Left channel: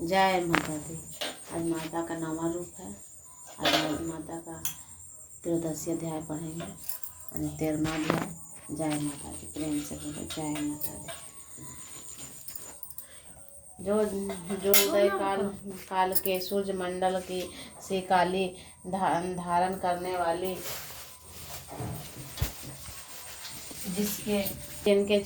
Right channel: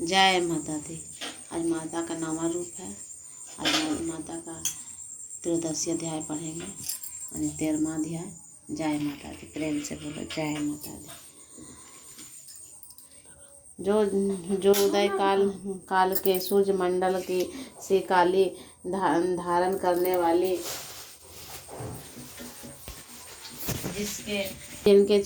जय माता दी। आज माता का 9वां रूप है। आज माता का त्रयोदशी अध्याय पढ़ेंगे यानी 13वां अध्याय। जय माता दी। प्रेम से बोलो जय माता दी। जो उदय काल के सूर्य मंडल की से काली धारण करने वाली, जिनके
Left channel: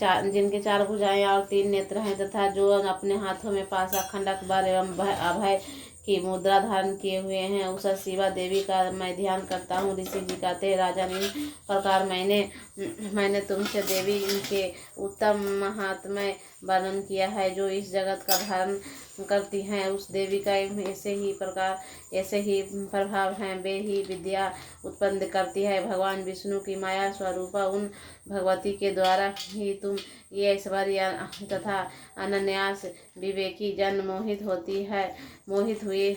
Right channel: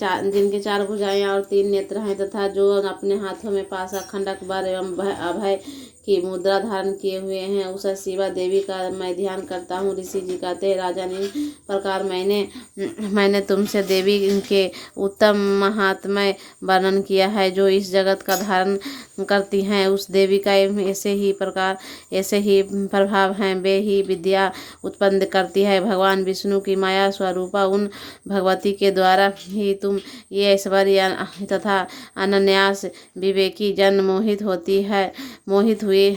चार भुजाएं और 3 नेत्र हैं, तथा जो अपने हाथों में पासा, खंडक, बर एवं अभय की मुद्रा धारण किए हुए हैं, उस शिवा देवी का मैं ध्यान करता हूँ। ऋषि जी कहते हैं, राजन, इस प्रकार मैंने तुमसे देवी के उत्तम महात्म्य वर्णन किया है, जो इस जगत का धारण करती हैं। उस देवी का ऐसे ही प्रभाव हैं। वे ही विद्या उत्पन्न करती है। भगवान विष्णु की माया स्वरूपा उन भगवती के द्वारा ही तुम ये ऐश्वर्य तथा अनन्यास विवेकी जन मोहित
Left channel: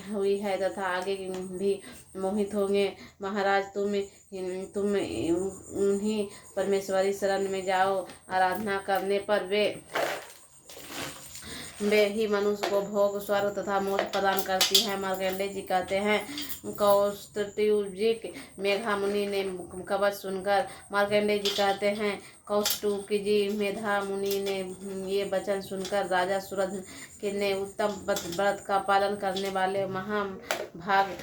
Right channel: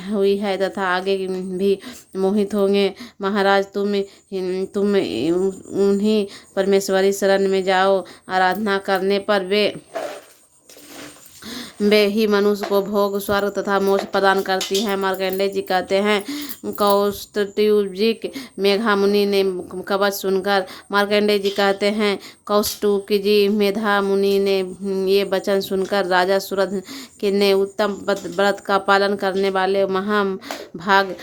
हुई है तथा आगे भी मोहित होंगे। महाराज, तुम उन्हीं परमेश्वरी शरण में जाओ। आराधना करने पर वे ही मनुष्य को भोग, स्वर्ग तथा मोक्ष प्रदान करती हैं। मार्कंडेय जी कहते हैं, कौष्टुब्जिक मेधा मुनि ने कवच सुनकर मार्कंडेय जी कहते हैं, कौष्टुब्जी मेधा मुनि ने ये वचन सुनकर राजा सूरद ने उत्तम व्रत का पालन करने वाले महाभाग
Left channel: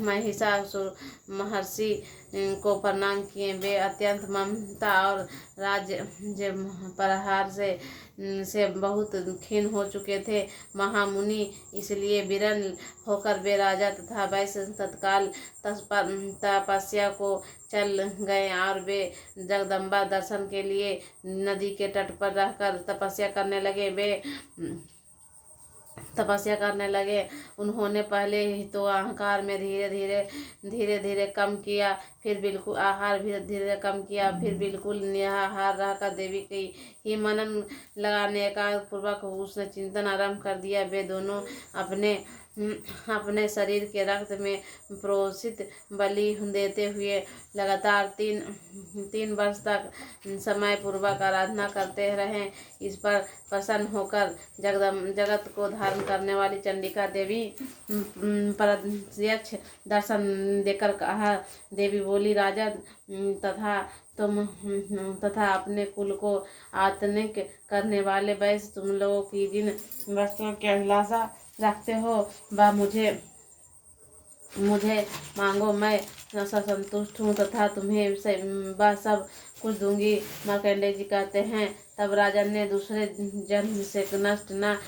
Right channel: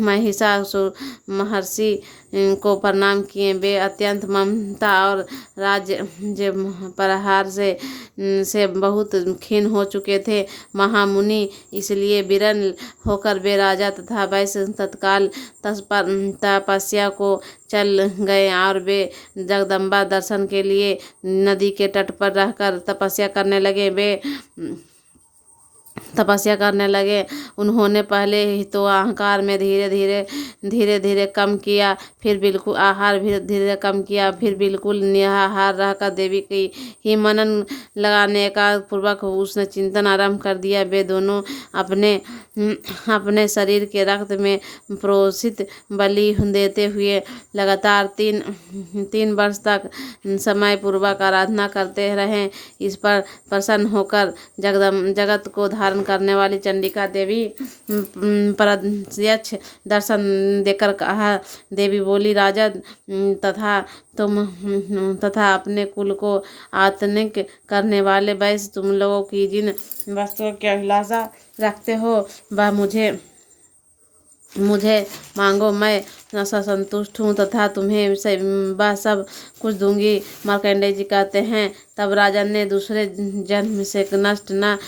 महिषासुर महर्षि को प्रणाम किए। वे अत्यंत ममता और राज्य प्रहार से बहुत खीन हो चुके थे। महामुनि इसलिए विरल होकर वे राजा तथा वैश्य तत्काल तपस्या को चल गए और वे जगदम्बा दर्शन के लिए नदी के तट पर रहकर तपस्या करने लगे। उन्होंने पहले ही तो अहंकार में धीरे धीरे कम किया, फिर बिल्कुल आहार भी धीरे कम किया, फिर बिल्कुल निराहार रहकर देवी की ही मनन लगाने का पूर्वक उसने चिंतन आरंभ कर दिया। वे दोनों अपने शरीर के रक्त में प्रोषित बलि देते हुए लगातार 3 वर्ष तक समय पूर्वक आराधना करते रहे। इस पर प्रसन्न होकर जगत को धारण करने वाली चंडिका देवी प्रत्यक्ष दर्शन देकर कहा, देवी बोली, राजन, तथा अपने कुल को आतनिक करने वाले वैश्य, तुम लोगों की जिन वस्तुओं की अभिलाषा रखते हो वह मुझे मांगो, मैं संतुष्ट हूँ तथा तुम्हें वह सब कुछ दूंगी। मार्कंडेय जी कहते हैं, तब राजन ने दूसरे जन्म से नष्ट न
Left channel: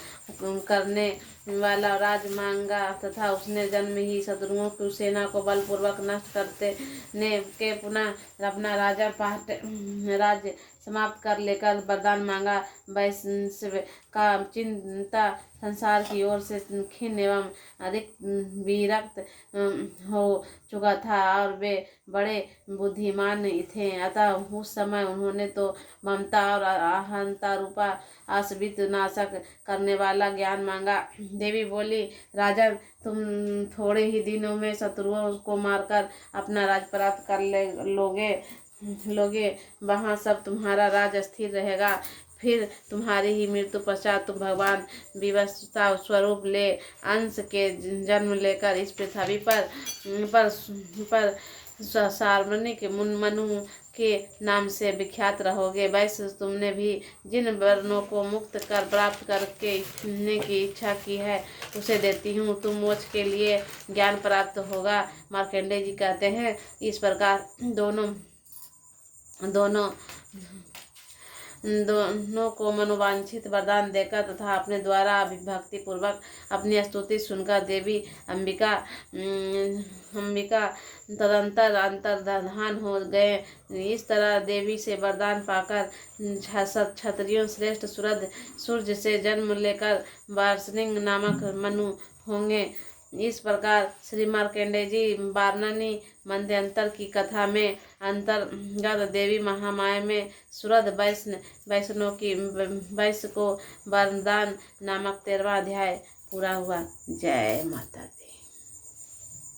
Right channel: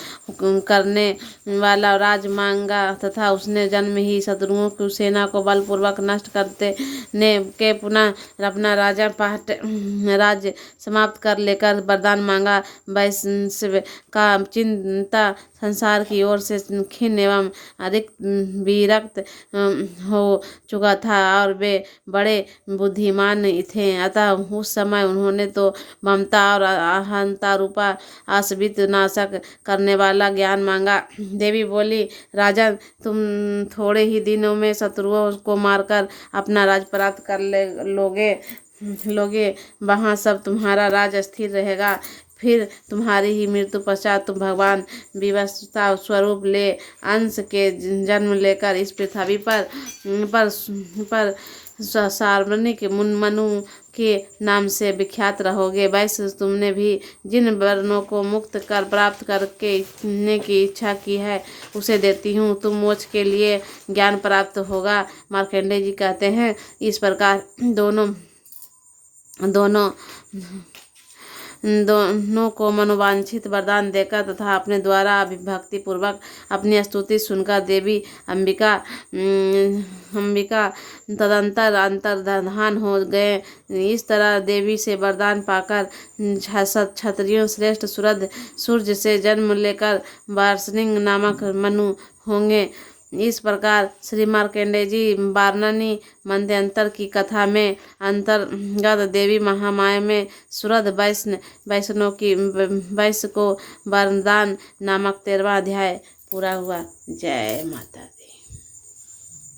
करने वाला राज मांगा तथा उसने जन्म ही शत्रुओं की सेना को बलपूर्वक नष्ट करते के पुनः अपना राज्य समाप्त कर लेकर वरदान मांगा। वैश्य का चिंता संसार की ओर से खिन्न एवं विरक्त हो चुका था और वे बड़े बुद्धिमान थे। अतः उस समय उन्होंने तो ममता और अहंता रूपा आश्रित नाशक करने वाला ज्ञान मांगा। देवी बोली, राजन, तुम थोड़े ही दिनों में शत्रुओं को मारकर अपना राज प्राप्त कर लोगे। वहाँ सब तुम्हारा राज स्थिर रहेगा। फिर तुम्हारी ही मृत्यु पश्चात तुम भगवान विवस्वता स्वरूप ले अंश के जन्म लेकर इस पृथ्वी पर सार्वजनिक मनु के नाम से विख्यात रहोगे। वैसे तुमने भी जिन वर्णों को मुक्त कर प्राप्त करने की इच्छा की है उसे देती हूँ। तुम मोक्ष के लिए ज्ञान प्राप्त होगा। मार्कंडेय जी कहते हैं, इस प्रकार दोनों को मनोवांछित वरदान देकर तथा अपने द्वारा अभिभक्ति पूर्वक अपनी स्तुति सुनकर देवी अंबिका तदंतर अंतर्धान हो गए। इस तरह देवी से वरदान पाकर क्षत्रियों श्रेष्ठ सूर्य से जन्म लेकर वार्ष्णिक नामक मनु होंगे। इस प्रकार श्री मार्कंडेय जी वाराणसी मध्यांतर की कथा में अंतर्गत देवी महामाया में सूरद वैश्य को वरदान नामक 13वां अध्याय पूरा हुआ। जय माता दी।